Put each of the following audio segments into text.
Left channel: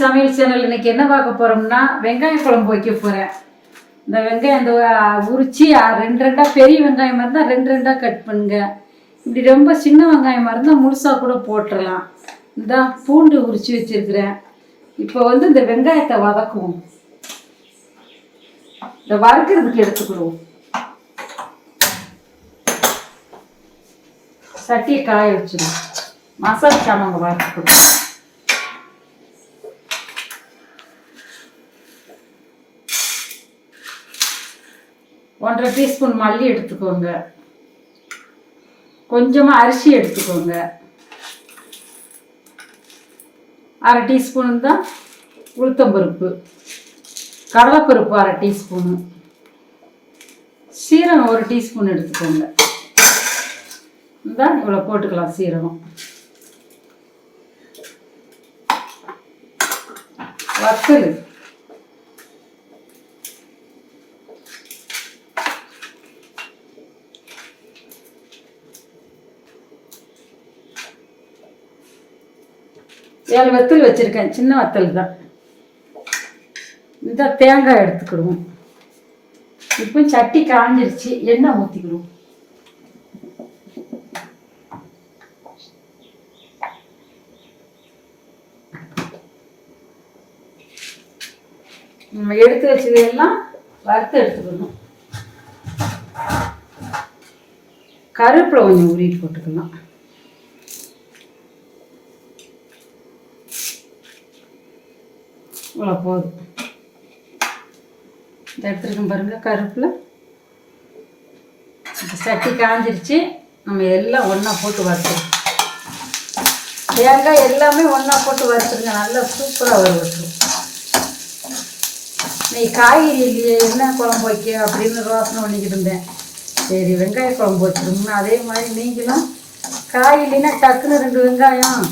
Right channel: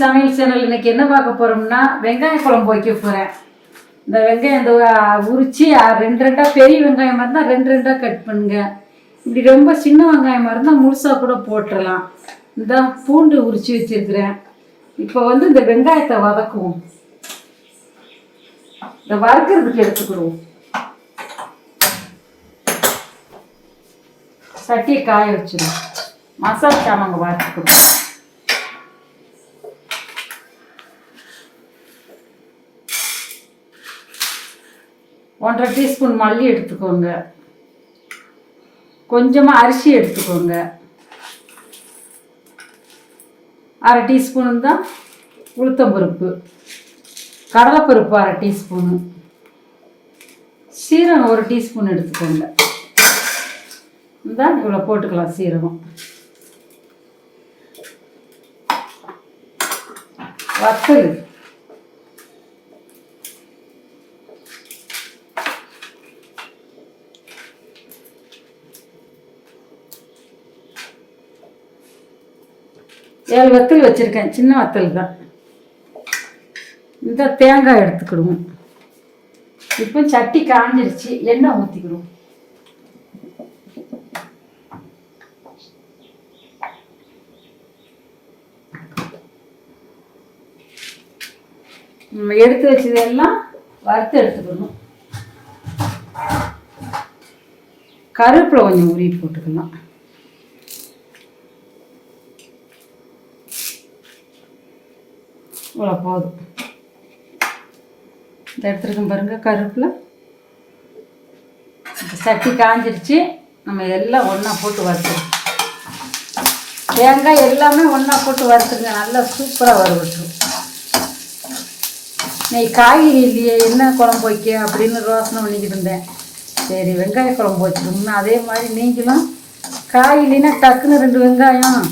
சமையல் சேனல் இன்னைக்கு என்ன பார்க்க போறோம்னா வெங்காய குழம்பு வைக்க போறேன். இந்த வெங்காயம் இந்த உரிச்சு ரெண்டு ரெண்டாக பெரிய வெங்காயமாக இருந்தால் ரெண்டு ரெண்டாக கட் பண்ணுங்க. இப்படி ரொம்ப சின்ன வெங்காயமாக இருந்தால் முழுசாக கூட போட்டுடலாம். இந்த பூண்டு உரிச்சு வச்சிருக்கிறேன். இப்போ இந்த வெங்காயத்தை வதக்குவோம். இந்த வறுக்கிறதுக்கு எடுத்துக்கிடுவோம். சட்டியை காய வச்சிடும். மசாலா சாமாங்க வறுத்துக்கிடுவோம். ஒன்றரை டீஸ்பூன் மல்லி எடுத்துக்கோங்க. கொஞ்சமாக அரிசி எடுத்துக்கோங்க. அரை டீஸ்பூன் தான் உளுத்தம்பருப்பு, கடலைப்பருப்பு அரை டீஸ்பூனு, சீரகம் ஒரு டீஸ்பூன் எடுத்துக்கோங்க. இந்த இவ்வளோ போட்டுக்கலாம் சீரகம். வத்தல் ஏழு வத்தல் வச்சுருக்கேன், சின்ன வத்தல் தான். இந்த தேங்காய் எடுத்துக்கிடுவோம். இப்போ சட்டி காஞ்சிருச்சு, எண்ணெய் ஊற்றிக்கிடுவோம். நம்ம எடுத்து வச்சதெல்லாம் வறுத்து எடுத்துக்கணும். கருவேப்பிலை கொஞ்சம் உருவி போட்டுக்கலாம். இவ்வளோ போதும். இந்த எடுத்துருக்கோம் பாருங்கள் கருவேப்பிலை. சட்டி காஞ்சிருச்சு. நம்ம எல்லாம் ஒன்றா போட்டு வறுத்துருவோம். தேங்காய் எல்லாமே ஒன்றா போட்டு வறுத்துருங்க. நல்லா சூப்பராக வறுத்துருவோம். இன்னைக்கு காய்கறி இல்லையே, என்ன குழம்பு வைக்க அப்படின்னு யோசனை பண்ணிக்கிட்டு இருந்தேன். சரி வெங்காய குழம்பு வச்சுருந்தோம்னா அதே மாதிரி நீங்களும் காய் இல்லைன்னா டக்குன்னு 2 வெங்காயம்,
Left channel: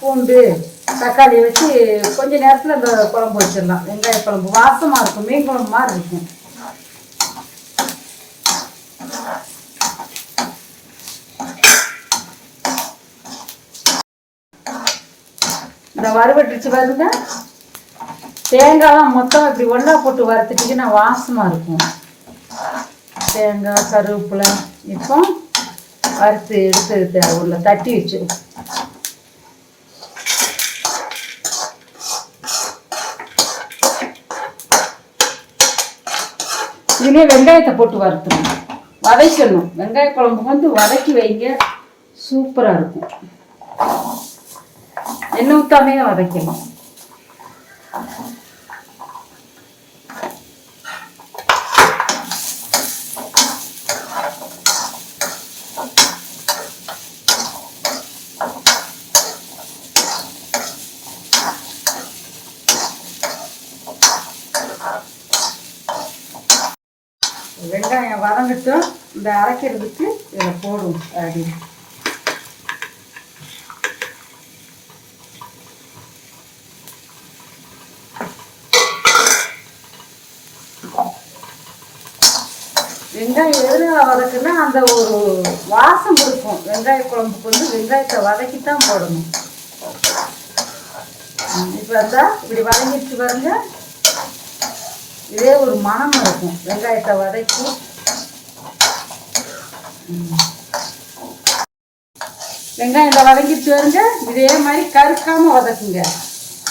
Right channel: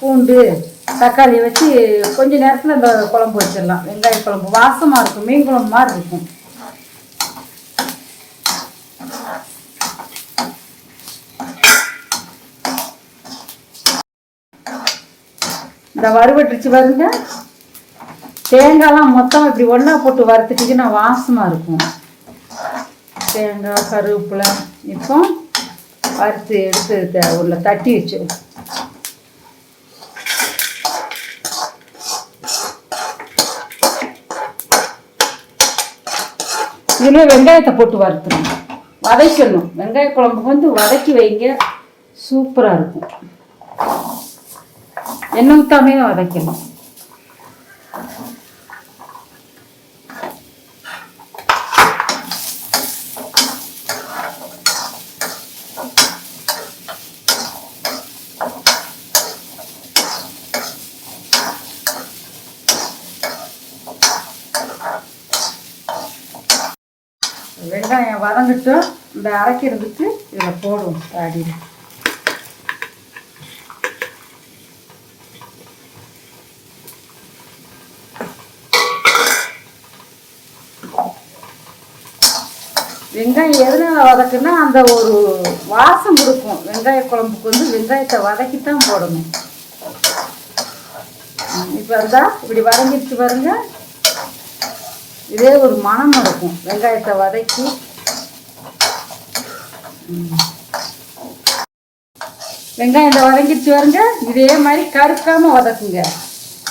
பூண்டு, தக்காளி வச்சு கொஞ்ச நேரத்தில் இந்த குழம்பு வச்சிடலாம். வெங்காய குழம்பு வாசமாக இருக்கும், மீன் குழம்பு மாதிரி இருக்கும். இந்த வறுவட்டுச்சு பாருங்க. தேங்காய்லாம் மொத்தம் இப்படி ஒன்றா போட்டு வறுத்துட்டிங்கன்னா வாசமாக இருக்கும். தேங்காய், கருவேப்பிலை இப்போ வறுத்து எடுத்து உள்ள தட்டி வச்சு இதுலேயே வெங்காயத்தை போட்டு வறுத்துணும், வதக்கணும். வெங்காய குழம்பு வதக்கி வைங்க, சூப்பராக இருக்கும். எண்ணெய் ஊற்றாமே வதக்கணும். வெங்காயம் வதங்கட்டும். இந்த அரைக்கிறதுக்கு இதில் போடுவோம். அடி வெங்காயம் எதனால வதக்குன்னா அந்த ஒரு வாசம் இருக்கும். வெங்காய குழம்புக்கு வெங்காயத்தை வதக்கித்தான் போடணும். இப்போ அதான் இப்படி வதங்கிட்டு பாருங்க. இதே ஒரு மனம் இருக்கும். வெங்காயத்தை வதக்கி வெங்காயத்தை வதங்கிட்டு வருங்க. இதே மாதிரி கருக்காமல் வதக்குங்க.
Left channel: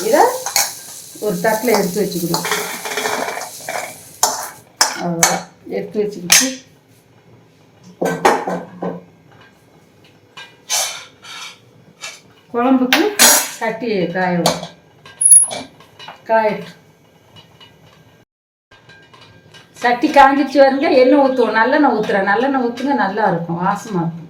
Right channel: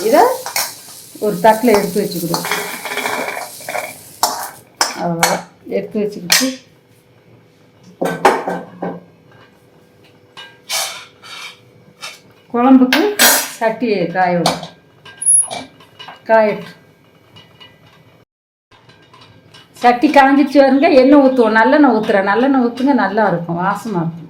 இதை ஒரு தட்டில் எடுத்து வச்சுக்கிடுவோம். அவ்வளோ எடுத்து வச்சுக்கிட்டு குழம்புக்கு சட்டி காயட்டும். சட்டி காஞ்சிச்சு வருங்க. எண்ணெய் ஊற்றுவோம். நல்லெண்ணெய் ஊற்றுறேன். நல்லெண்ணெய் ஊற்றுங்க, நல்லா இருக்கும், வாசமாக இருக்கும்.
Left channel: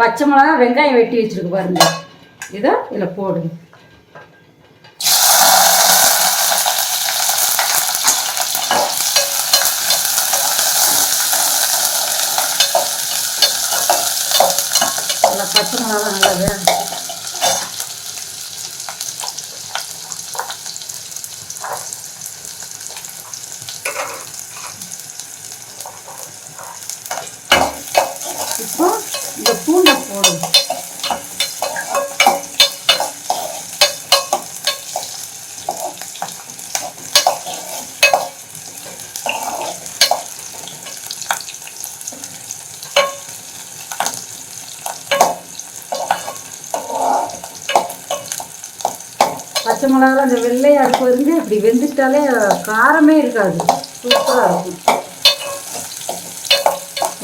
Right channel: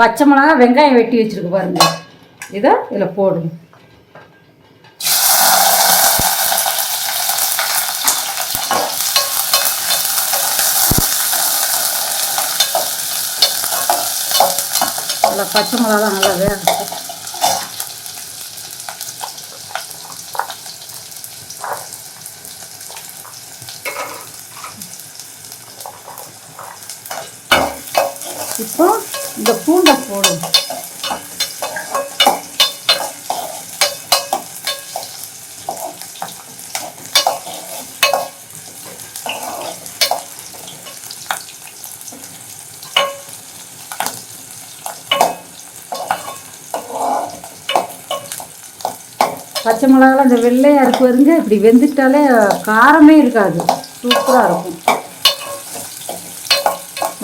பச்சை மிளகா, வெங்காயம் வெட்டி வச்சிருக்கு பாருங்க. இதை இதில் போடுங்க. பச்சை மிளகா நல்லா வேணும். இப்போ இந்த பூண்டை போடும். பச்சை மிளகாலாம் அந்த வெள்ளையாக இருக்கு வருங்க, இப்படி வெந்துட்டாலே காரமே இருக்காது, சூப்பராக இருக்கும்,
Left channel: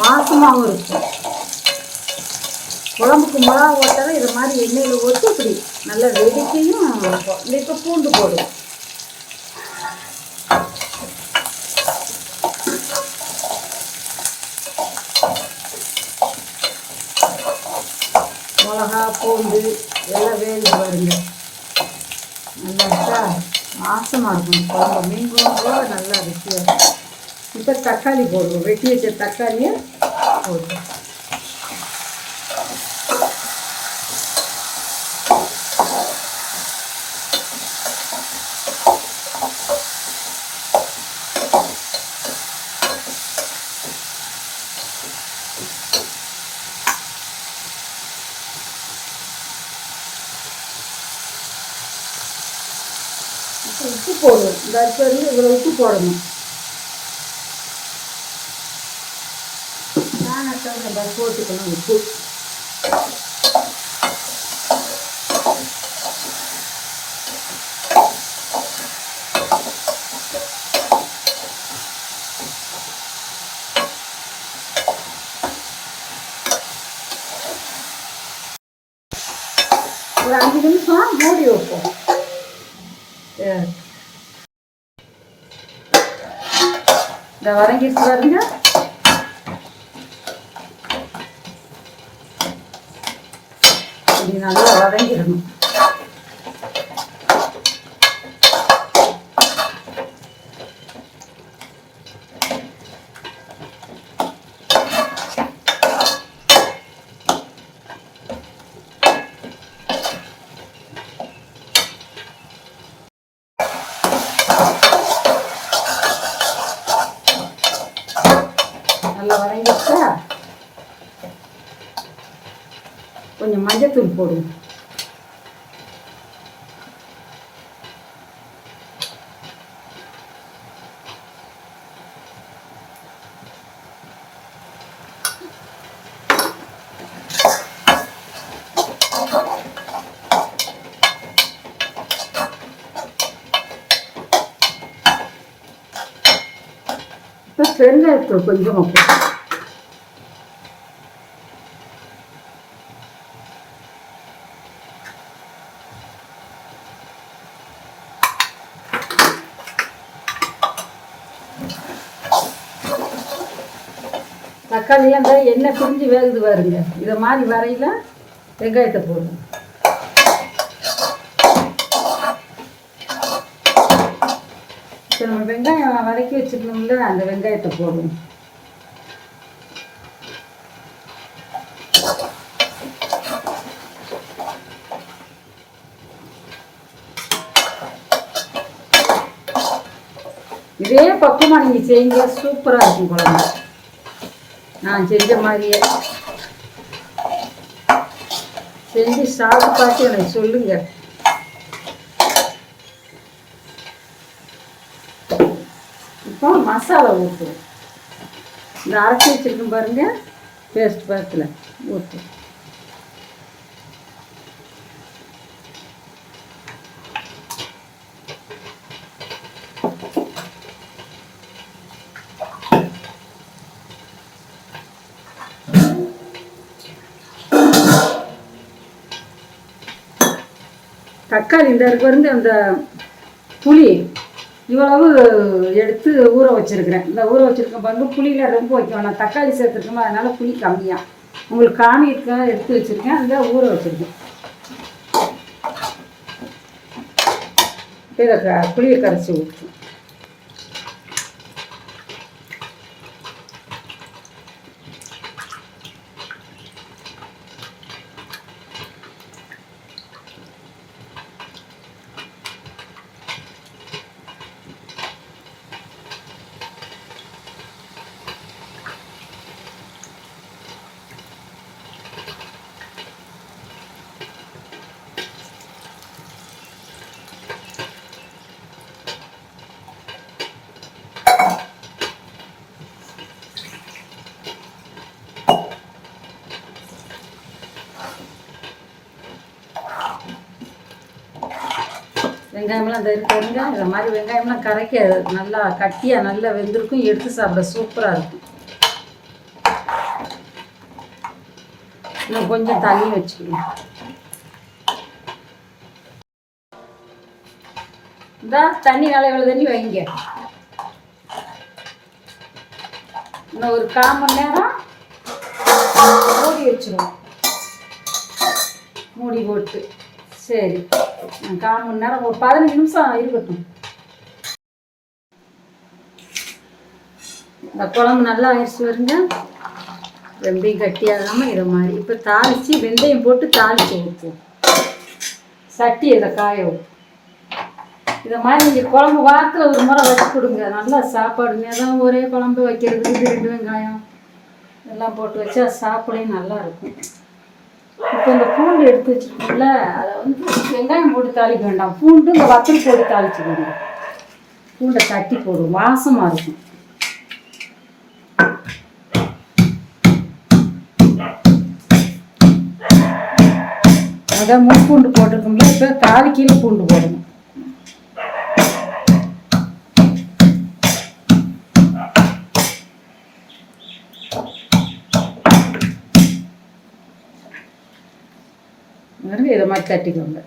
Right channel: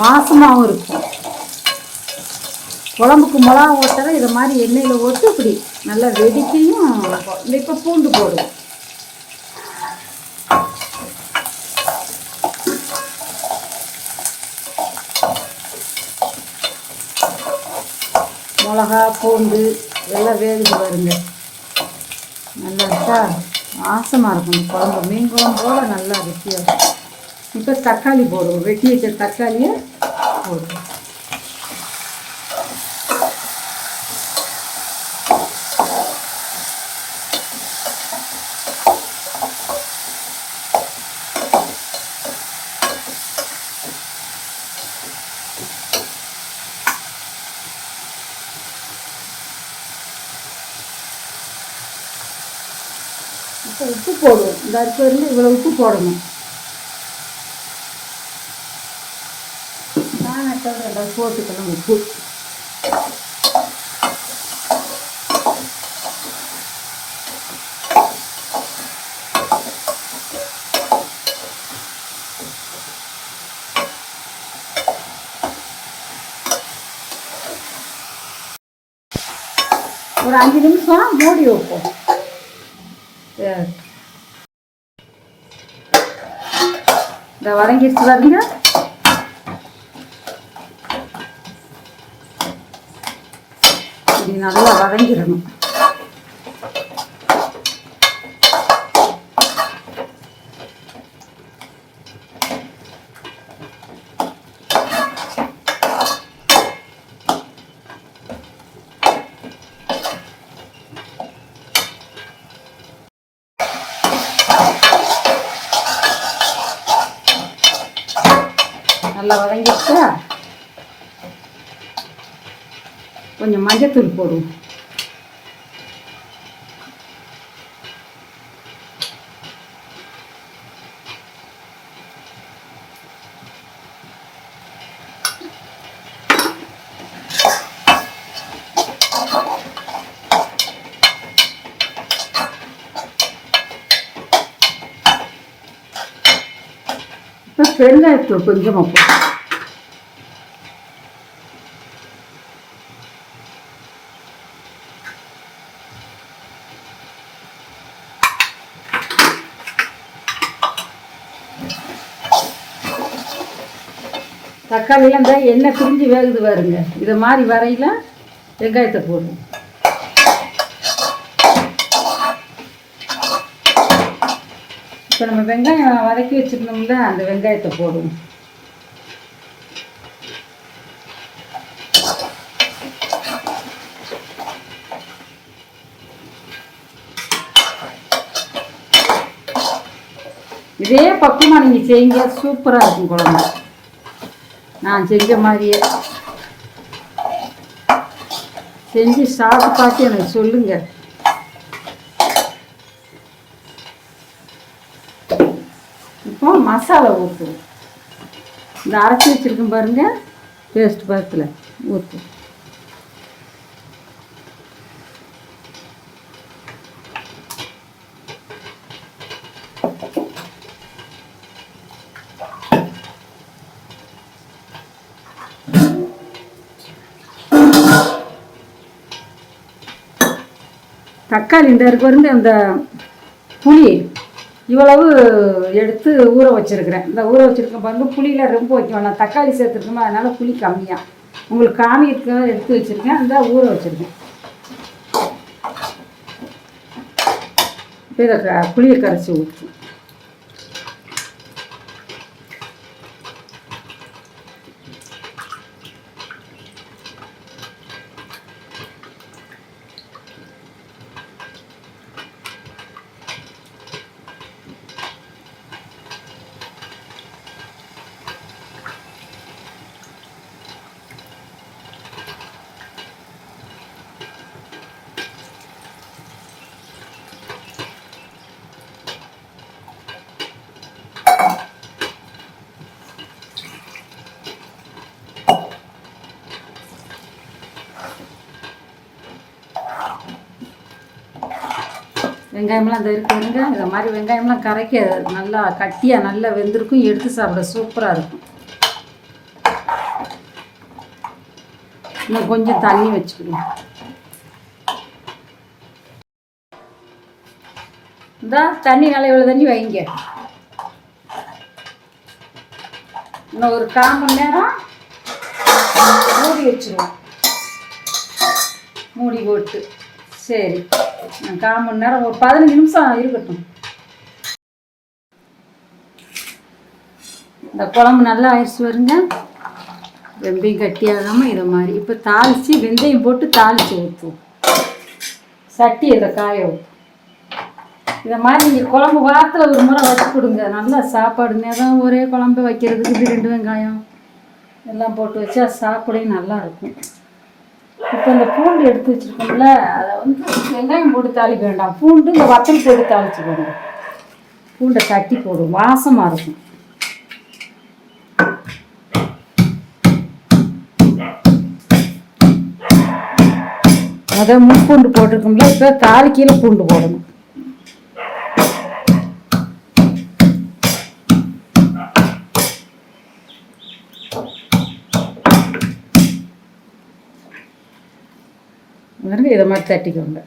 வாசமாகவும் இருக்கும். குழம்புக்கு மிளகா ஓட்டாலும் இதை மாதிரி எண்ணெயில் ஓட்டு இப்படி நல்லா வெடிக்கையும். இப்போ பூண்டு போடும். மிளகா பூண்டு எல்லாம் வேகுது பாருங்க, நல்லா வாசமாக இருக்கும். குழம்பு மீன் குழம்பு போல நல்லா ருசியாக இருக்கும். இப்போ தக்காளி போடுவோம், வெட்டி வச்ச தக்காளியை போடுவோம். இப்போ உப்பு போடுவோம். இந்த அரிசி இவ்வளோ உப்பு போடணும். போட்டுக்கணும் உப்பு. ஒரு 5 நிமிஷம் மூடி வைப்போம். இந்த வதங்கிடுச்சு பாருங்க. நல்லா வதங்கிடணும். நல்லா வதங்கிடுச்சா, கொஞ்சம் மஞ்சத்தூள் போடுவோம். இப்போ பெருங்காயத்தூள் கொஞ்சமாக போடுவோம். தக்காளியெல்லாம் இந்த எண்ணெய் பிரிஞ்சு வேகுது பாருங்க, இதை மாதிரி வரையில வெங்காயத்தை போடணும். இப்போ நம்ம வெங்காயம் வதக்கி வச்சுருந்தோம்ல, அந்த வெங்காயத்தை போடணும். இதே பக்கமாக நீங்கள் செய்யுங்க, சூப்பராக இருக்கும் குழம்பு. நான் செஞ்ச மாதிரியே செஞ்சு சாப்பிட்டு பார்த்து எனக்கு சொல்லுங்க. இப்போ மசாலா ஊற்றுவோம். இந்த அரைச்சி வச்சுருக்கோம் பாருங்க, பேஸ்ட் பக்கத்தில் ஊற்றுவோம். தக்காளி இந்த இருந்து அந்த புளி இவ்வளவு எடுத்து ஊற வச்சுருக்கிறேன். இந்த ஊற வச்சுருக்கேன் வந்து புளியில் ரொம்ப வைக்கணும். நான் தக்காளி சேர்த்துருக்கோமோ அதனால் புளி கம்மியாக உங்களுக்கு காமிக்கிறதுக்கு எடுத்து வச்சுருக்கேன். அந்த ஊற வச்சுருக்கேன். இதை புளியை கரைச்சி ஊற்றும். வெங்காயம்லாம் அந்த இருக்குங்க. இந்த மாதிரி வெங்காயம்லாம் கரைக்க நல்லா கட்டியாக நல்லா வெந்திருக்கும். எடுத்து சாப்பிட சூப்பராக இருக்கும். இன்னும் கொஞ்சம் தண்ணி வச்சுக்கணும். இந்த தண்ணி நல்லா இவ்வளோ தண்ணி வைங்க. இன்னும் ஒரு 1/4 மணி நேரம் மூடி வச்சுருவோம். மூடி போட்டு சரி 1/4 மணி நேரம் ஒரு 15 நிமிஷம் இருக்கட்டும். இந்த குழம்பு நல்லா ஆயிடுச்சு வருங்க. ரொம்பையும் கட்டியாகாமல் இதை மாதிரி இப்போ தாளித்து வெந்தயம் போட்டு தாளித்து ஊற்றுவோம். சட்டி இதை காய வைப்போம். இதை மாதிரி நீங்கள் குழம்பு வாரத்தில் ஒரு முறை வச்சு கொடுங்க. நல்லா சாப்பாடுங்க தான் ஒரே குழம்பு வைக்கிறதுக்கு 2 வெங்காயம் எல்லாம் போட்டு வச்சா சாப்பிடவே நல்லாயிருக்கும். இப்போ இந்த பூண்டு எடுத்து வச்சுருக்கோம்ல, அதை வெங்காயம் போட்டு தாளிக்க வேண்டாம். பூண்டு இந்த வத்தல் போட்டு தாளிச்சுக்கோங்க. பூண்டை தட்டி போடும், வாசமாக இருக்கும். அதை முன்பூண்டு போட்டிருக்கோம்ல, இப்போ தாளிக்கையில் பூண்டு போடணும். இதை மாதிரி தட்டிக்கோங்க.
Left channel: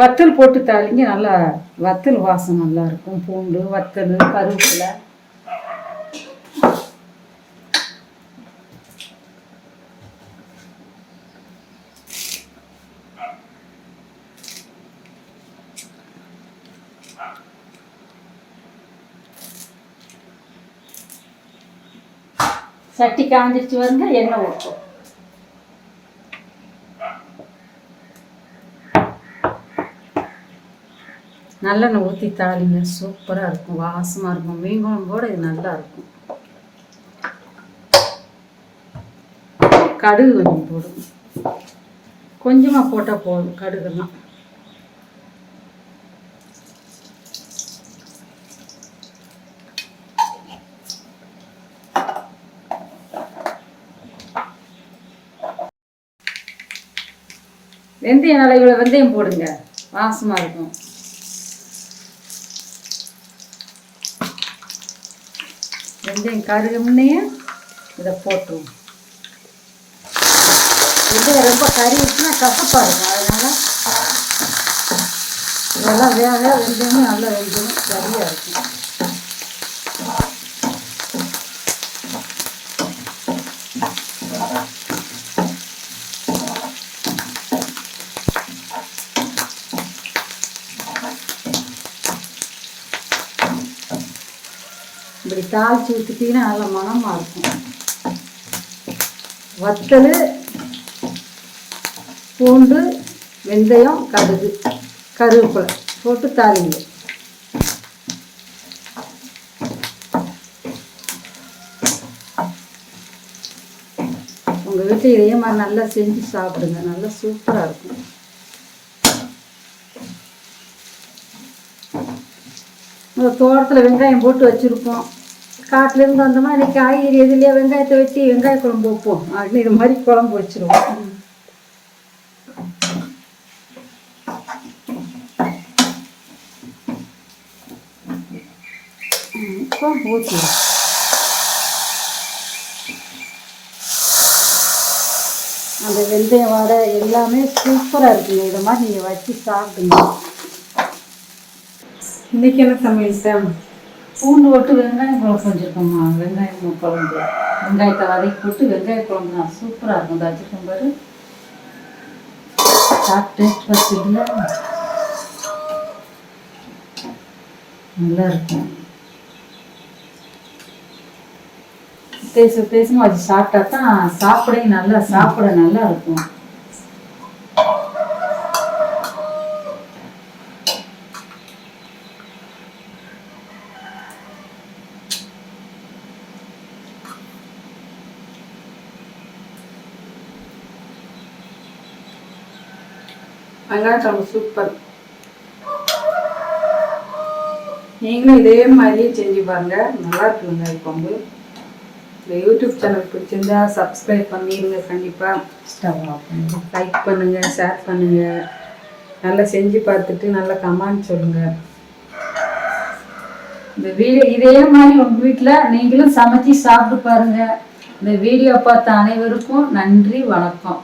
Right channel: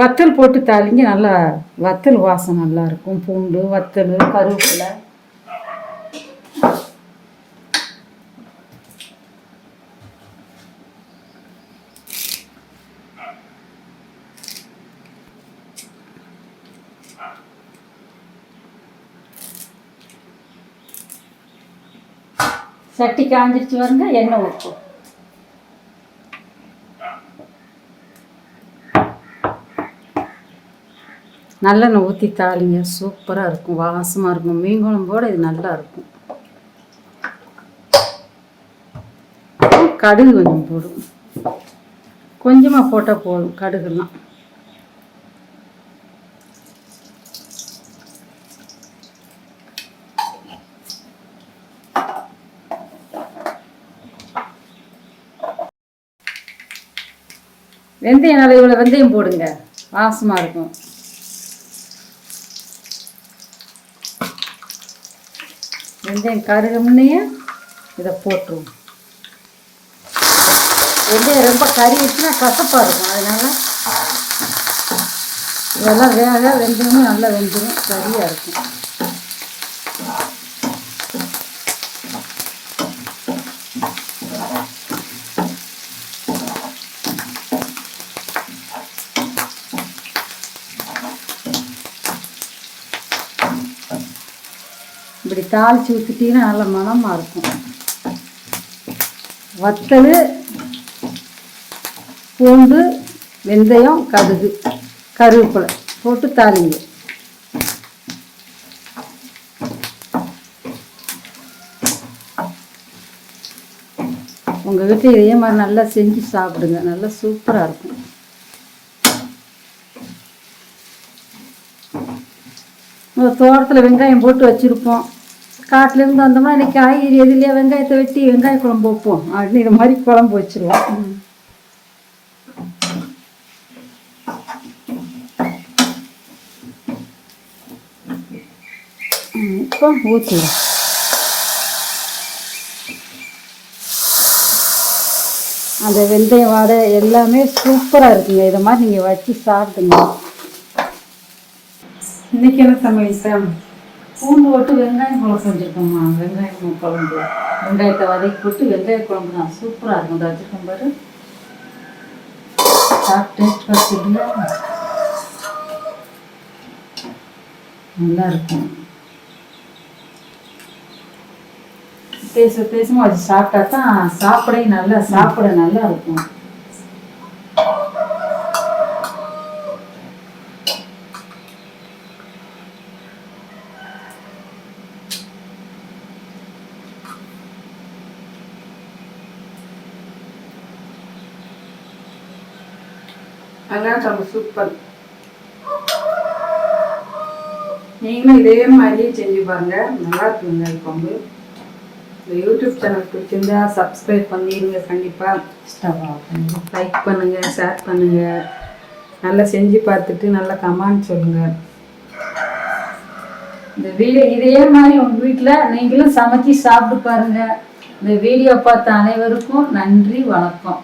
வத்தல் போட்டு தாளிங்க, நல்லா வத்தல் வாசம் நல்லா இருக்கும். பூண்டு, வத்தல், கருவேப்பிலை. சட்டி காஞ்சிருச்சு வருங்க. எண்ணெய் ஊற்றும். நல்லெண்ணெய் ஊற்றி தாளிங்க, சூப்பராக இருக்கும், வாசமாக இருக்கும். மீன் குழம்போடு இது நல்லா இருக்கும். கடுகு கொஞ்சம் போடும், கொஞ்சமாக போட்டால் போதும் கடுகுலாம். வெந்தயம் நல்லா இவ்வளோ வெந்தயம் போடுங்க, வாசமாக இருக்கும். வெந்தயம் கருக முன்னையே இதை போட்டுருவோம். வெந்தயம் ரொம்ப கருகிச்சுன்னா கசப்பாக இருக்கும். அதனால் இதெல்லாம் வேக வெந்தயமும் நல்லா வெந்தயம் சரியாக இருக்கும். இப்படி தாளித்து ஊற்றிட்டீங்கன்னா நல்லா மணமாக இருக்கும். வத்தல், பூண்டு, வெந்தயம், கடுகு, கருவேப்பிலை போட்டு தாளிங்க. உங்கள் வீட்டில் இதே மாதிரி நல்லா செஞ்சு சாப்பிடுங்க, நல்லா சூப்பராக இருக்கும். ஒரு தோட்டத்தில் வெங்காயம் போட்டு வச்சுருப்போம். காட்டிலேருந்து வந்தோம்னா இன்றைக்கி காய்கறி எதுலையே வெங்காயத்தை வெட்டி வெங்காய குழம்பு வைப்போம் அப்படின்னு இது மாதிரி குழம்பு வச்சுருவோம். இப்போ ஊற்றிடும். அந்த வெந்தயம் வாடை எல்லாமே சூப்பராக இருக்குங்க. இதை மாதிரி நீங்கள் வச்சு சாப்பிடுங்க. இன்றைக்கி என்ன சமையல் சார்? பூண்டு போட்டு வெங்காயம் குழம்பு செஞ்சுருக்கோம்மா. வெங்காயம் குழம்பு, வெங்காயத்தை வதக்கி போட்டு வெங்காய குழம்பு தான் சூப்பராக இருக்கும். இந்த வச்சுருக்கோம் பாரு, சாப்பிட்டு டேஸ்ட் வச்சுருந்தா நல்லா இருக்கும். பேசும் அது சாப்பிட்டா தான் சாப்பிட நல்லா இருக்கும். வெங்காயம் குழம்பு சூப்பர். நீங்களும் இதே மாதிரியே செஞ்சு பாருங்க, நல்லா இருக்குங்க வெங்காய குழம்பு. இந்த யூடியூப் சேனல் பிடிச்சிருந்தா சப்ஸ்கிரைப் பண்ணிடுங்க. கண்டிப்பாக லைக் பண்ணுங்கள், ஷேர் பண்ணுங்கள். நல்லா செஞ்சு பார்த்துட்டு நல்லா கமெண்ட் சொல்லுங்கள். இந்த வீடியோ இதே மாதிரி உங்கள் வீட்டில் நீங்களும் சமைச்சி சாப்பிட்டு பாருங்கள். இந்த வீடியோ பார்த்த அனைவருக்கும் நன்றி, வணக்கம்.